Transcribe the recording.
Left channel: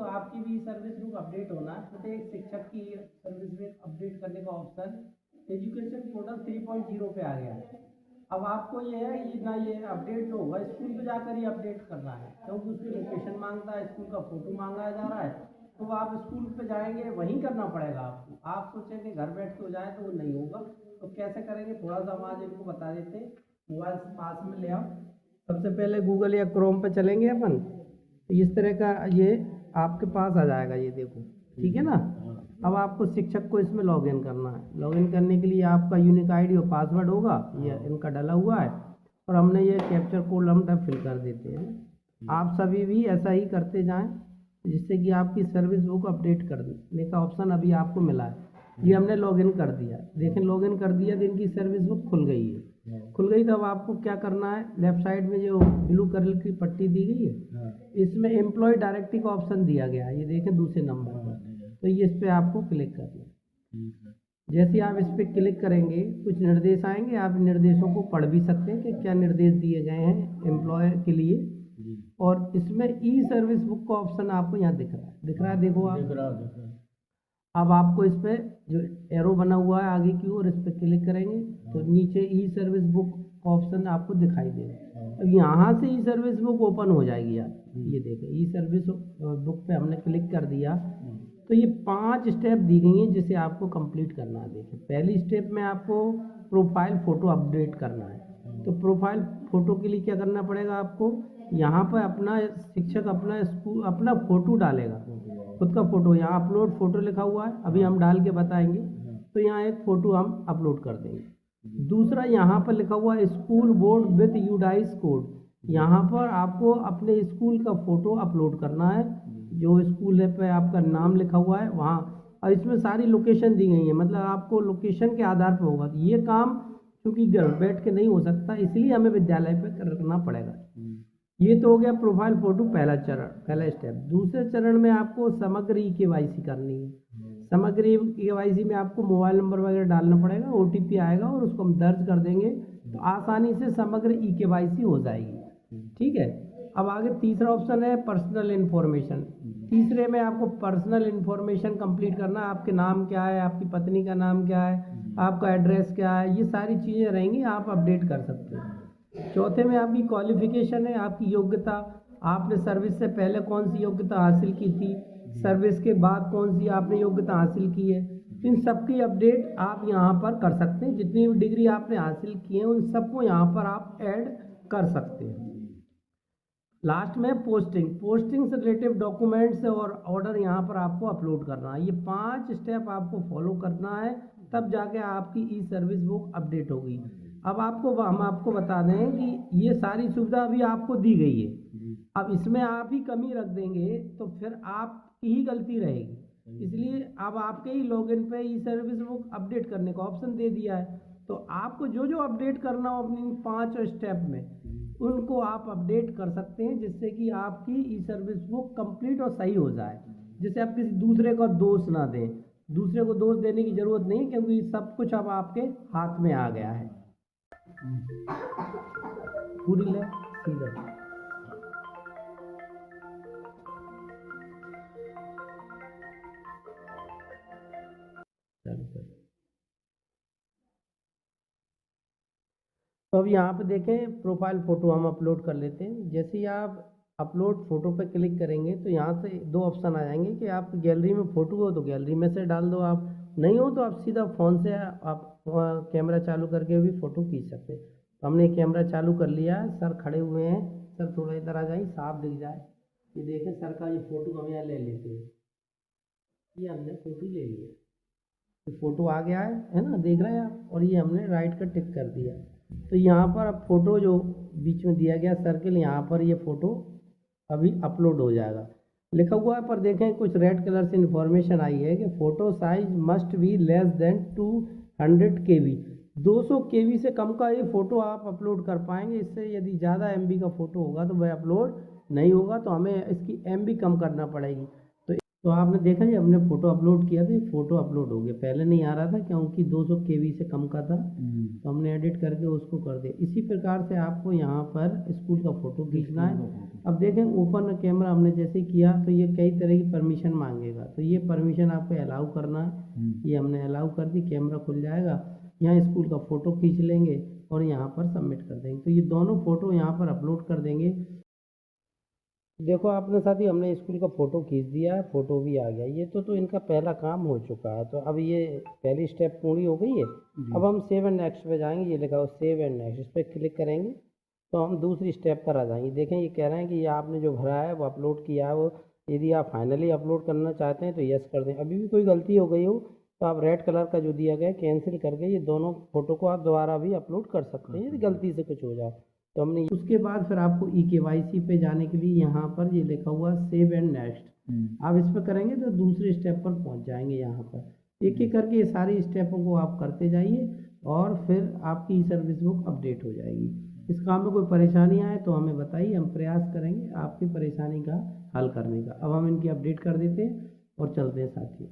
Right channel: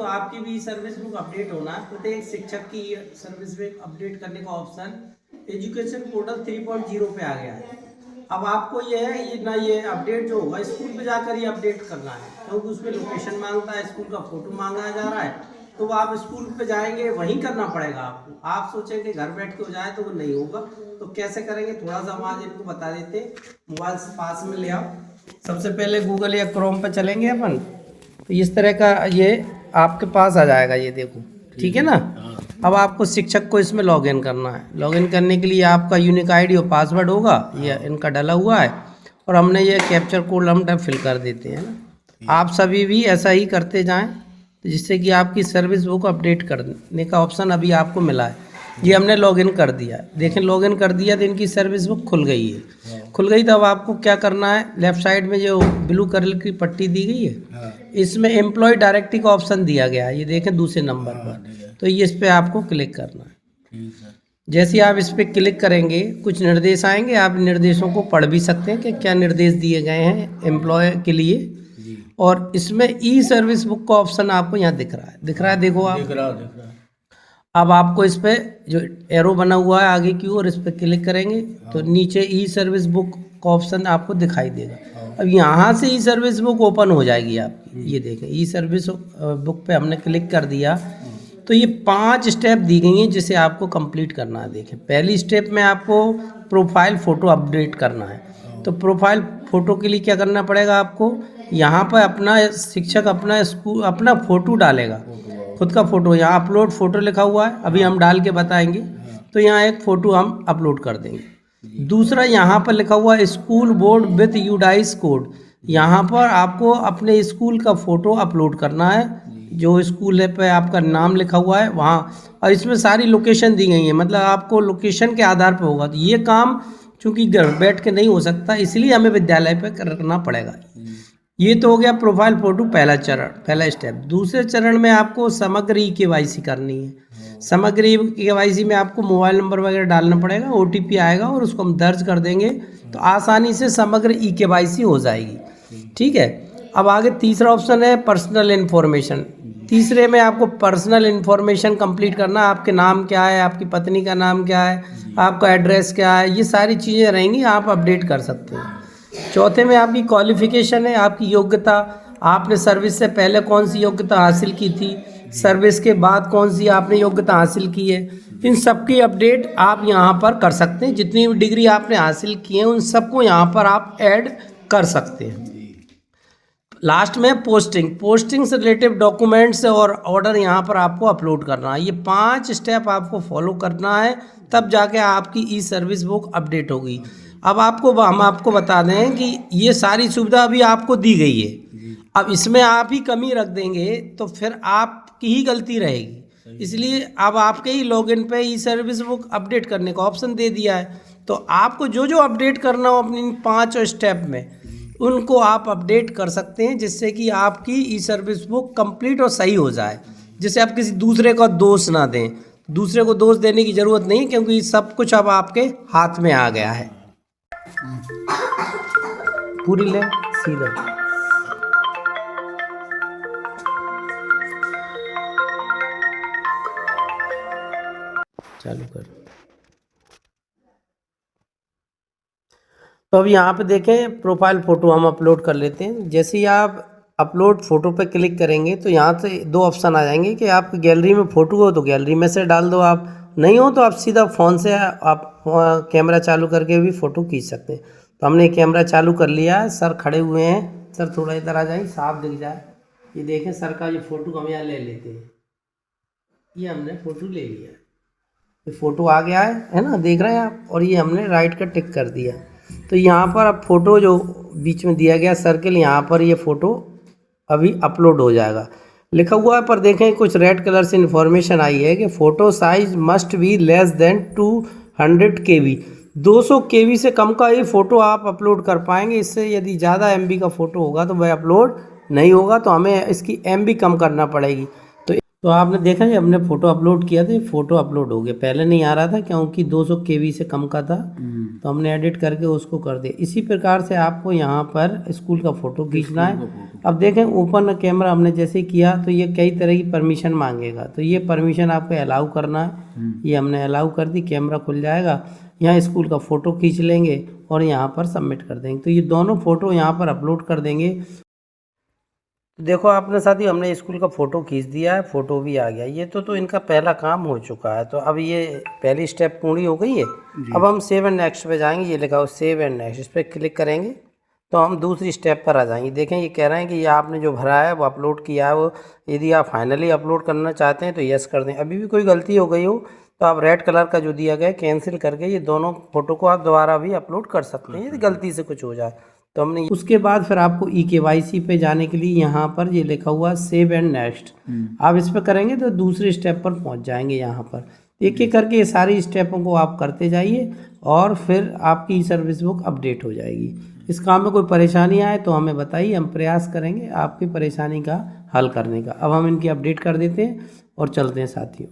साथियों, आपकी भी सर्विस बुक अपडेट होना है। प्रत्येक शिक्षक की सर्विस बुक अपडेट करने का ऑप्शन एजुकेशन पोर्टल 3.0 पे आ गया है। अब आपको ये है, ये अपडेट जो होगा स्कूल पे जाकर ही अपडेट करना है, क्योंकि उसमें लोकेशन मांगता है, स्कूल का फोटो मांगा जा रहा है। तो आप स्कूल पे जाएंगे, वहीं करना पड़ेगा आपको। आप सोचेंगे घर बैठ के हो जाए, तो वो नहीं होगा। तो कैसे करेंगे, थोड़ा सा हम आज इनको बता देते हैं। मोबाइल से पास में ले आओ। सबसे पहले गूगल या क्रोम पे चलेंगे अपन। तो इस तरह का ये आपके पास आ जाएगा, ये देखो, ठीक है ना। अब आपको शिक्षक को इसमें लॉगिन करना है। लॉगिन करने के लिए आपका यूनिक आईडी और पासवर्ड होगा, ये इनका डला हुआ है। और हमने ये कैप्चर कोड हम फिल कर देते हैं ना। आप सभी भी ऐसा ही करते जाएं, जिससे कि आपकी सर्विस बुक अपडेट करने का ऑप्शन अभी आपको मिला है। ये हमने लॉगिन कर दिया, देखें लॉगिन कर दिया तो इनकी सर्विस बुक खुल गई है। खुल गई तो अब आपको क्या करना है, लेफ्ट साइड में जो ब्लू कलर की पट्टी दी गई है, इसमें एम्प्लॉय डायरेक्टरी का ऑप्शन दिया गया है, ये देखें दूसरे नंबर पर। तो ये इस पर आपको क्लिक करना है। जैसे आप इस पर क्लिक करेंगे, कुछ निर्देश आएंगे। आप निर्देशों को पढ़ भी सकते हैं कि क्या निर्देश दिए गए हैं एम्प्लॉय के लिए। और इसमें ई सर्विस बुक का ऑप्शन आपको यहाँ दिख रहा है, देखो आप। दिख रहा अब आपको इस पे जो एरो बना हुआ है आगे की ओर, इस पे क्लिक करेंगे तो नीचे ई सर्विस बुक का ऑप्शन आपको दिखाई देगा। अब यहाँ से ई सर्विस बुक ओपन हो जाएगी आपकी। ये देखें, ई सर्विस बुक पे हमने क्लिक कर दिया तो ये 5 स्टेप दी गई हैं जिसे आपको कंप्लीट करना है। देखें, पहली स्टेप में आपको प्रोफाइल फ़ोटो अपडेट करना है। तो प्रोफाइल फ़ोटो के लिए क्या करना पड़ेगा आपको, यहाँ पर अपना शिक्षक अपना स्कूल अपना फ़ोटो डालेगा, खुद का फ़ोटो। यहाँ अपलोड फ़ोटो लिखा हुआ है, अभी हम डाल के बताएंगे। तो यहाँ एक फ़ोटो हम अपलोड कर देंगे। दूसरा यहाँ पर लिखा हुआ है school board with UDISE code. यहाँ पर आपको अपने स्कूल का फ़ोटो अपलोड करना है, जो स्कूल है पे आपका नाम लिखा हुआ है वहाँ। और इसमें सारी लोकेशन दी गई है, मतलब आपको लोकेशन के आधार पर होगा। तो ये काम चूँकि घर बैठ के नहीं हो सकता, इसलिए हमें विद्यालय पे करना पड़ेगा। ये तो हो गया प्रोफाइल फोटो, पहला चरण, पहला स्टेप। दूसरे चरण में आपको समग्र ई केवाईसी करनी है। समग्र ई केवाईसी में आपको मोबाइल नंबर वगैरह डालना पड़ेगा, ओटीपी आएगा और उसको हम दर्ज कर देंगे तो आसानी से समग्र ई केवाईसी हो जाएगी। ठीक है। अब आगे तीसरा ऑप्शन है पर्सनल इन्फॉर्मेशन। तीसरे में आपको पर्सनल इन्फॉर्मेशन कंप्लीट करना। आपके नाम क्या है, आपकी पत्नी का नाम क्या है, आपका एड्रेस क्या है, ये सारी चीज़ें रहेंगी, आप अपडेट कर सकते हैं। चौथे में आपकी क्वालिफिकेशन है, आपकी योग्यता। आपने सर्विस से पहले कौन सी योग्यता हासिल की थी, सर्विस के बाद कौन सी आपने योग्यता हासिल की है, इन सब की अपडेट आप यहाँ पर कर सकते हैं। जितनी भी डिग्री आपने हासिल की है उन सबको यहाँ पर आप ऐड कर सकते हैं। लास्ट में पोस्टिंग से रिलेटिव डॉक्यूमेंट्स और ऑर्डर यहाँ पर आपको अपलोड करना है। ये 5 स्टेप आपको फॉलो करना है, तब जाके आपकी ई सर्विस बुक अपडेट होगी। अब हम आपको बता दें कि ये सारी सुविधा अभी आपको दी गई है। अब इसमें आप ही कमी रख देंगे तो फिर आपकी ही गलती रहेगी। इसलिए अब आपके ही लॉगिन पे ई सर्विस बुक अपडेट करने का ऑप्शन दे दिया है। तो आपको जो जो अपडेट करना हो अपनी 5 स्टेप में, उनको आप अपडेट कर सकते हैं, जिससे कि आपकी ई सर्विस बुक कंप्लीट और सही हो जाए। जिससे आप किसी दूसरे का दोष ना दें। दूसरे को दोष देने की ज़रूरत नहीं, क्योंकि सब कुछ अब आपके हाथ में आ गया है। पूरी ले सीधा चालू कर। तो अब यहाँ पे देखें, प्रोफाइल फ़ोटो हम अपलोड कर लेते हैं। जैसे ही आप अपलोड फ़ोटो पे क्लिक करेंगे तो यहाँ से 2 ऑप्शन आ जाएंगे कि आपकी गैलरी में फ़ोटो हो तो गैलरी में से डाल दो, आप नहीं हो तो आप सीधा फ़ोन से आप कैमरा चालू करके भी फ़ोटो खींच सकते हैं। तो हमने कैमरा चालू कर लिया है, सर खड़े हुए हैं। सर थोड़ा इधर आ जाए, साफ दिख जाए। ये देखें सर का ये फ़ोटो हम यहाँ ले लेते हैं। ये हमने फ़ोटो ले लिया, ये फ़ोटो आ गया है ना, देख रहे हैं आप। और ये हमने राइट का टिक कर दिया। तो यहाँ पर अब फ़ोटो जो बीच में दिया गया सर्कल, यहाँ पर ये फ़ोटो अभी अपलोड हो जाएगा, लिखा हुआ है। पर देखें कुछ रेड कलर से इन्फॉर्मेशन आई है कि photo size must be less than 200 KB। 200 KB से कम का ये फ़ोटो आप अपलोड कर पाएंगे। इससे यदि ज़्यादा MB का फ़ोटो होगा तो वह अपलोड नहीं होगा, तो हमें इसकी MB कम करना पड़ेगी। तो तो आपने देखा ये हमने फ़ोटो अपलोड किया था, ये फ़ोटो अपलोड हो गया। पहले नहीं आ रहा था क्योंकि 200 केबी से कम का था, तो हमने एडिट करके उसको कर दिया। इसी प्रकार से आपको यहाँ पर स्कूल का फ़ोटो खींचना है। अब देखें ओपन कैमरा हमने जैसे किया तो ये कई तरह की परमिशन मांगेगा, तो ये परमिशन आपको अलाउ करना है। ये हमने अलाउ कर दी, कैमरा खुल जाएगा। यहाँ स्कूल का फ़ोटो खींच लेंगे और यहाँ पर सबमिट कर देंगे। तो ये दोनों फ़ोटो यहाँ पर अपलोड कर देंगे। देखो आपने साथी हमने स्कूल का फ़ोटो खींच दिया है, फ़ोटो भी आ गया। ये तो इनका पहला काम हो चुका है। तो अब ये पहली स्टेप पूरी हो गई है। अब हम सेव एंड नेक्स्ट पे जाएंगे। ये लिखा हो सेव एंड नेक्स्ट, इस पर क्लिक करेंगे तो हम दूसरी स्टेप पर आ जाएंगे। देखें ये कह रहे हैं कि ये आपने जो भरा है वो अपलोड किया है, वो यदि आप फाइनली अपलोड करना चाहते हैं तो यस कर दें। अभी भी कोई गलती हो गई हो तो आप रेड कलर का जो दिया गया कैंसिल करके ये दोनों फ़ोटो को आप दोबारा भी अपलोड कर सकते हैं यदि गलती से कुछ हो जाए तो। हमने उसके बाद फिर आपको EKYC पे जाने के लिए यहाँ पर ये लिखा हुआ सेव एंड नेक्स्ट, आप इस पर करेंगे तो दूसरे स्टेप पर पहुँच जाएंगे। यहाँ पर एक एक करके ये सारी स्टेपों को आप करते जाइए और फिर आपकी ई सर्विस बुक अपडेट हो जाएगी। इस काम में कोई परेशानी आए तो हमें बताइए, हम प्रयास करेंगे आपकी परेशानी का हल करने का। अब हम इनकी अपडेट कर देते हैं और चलते हैं साथियों।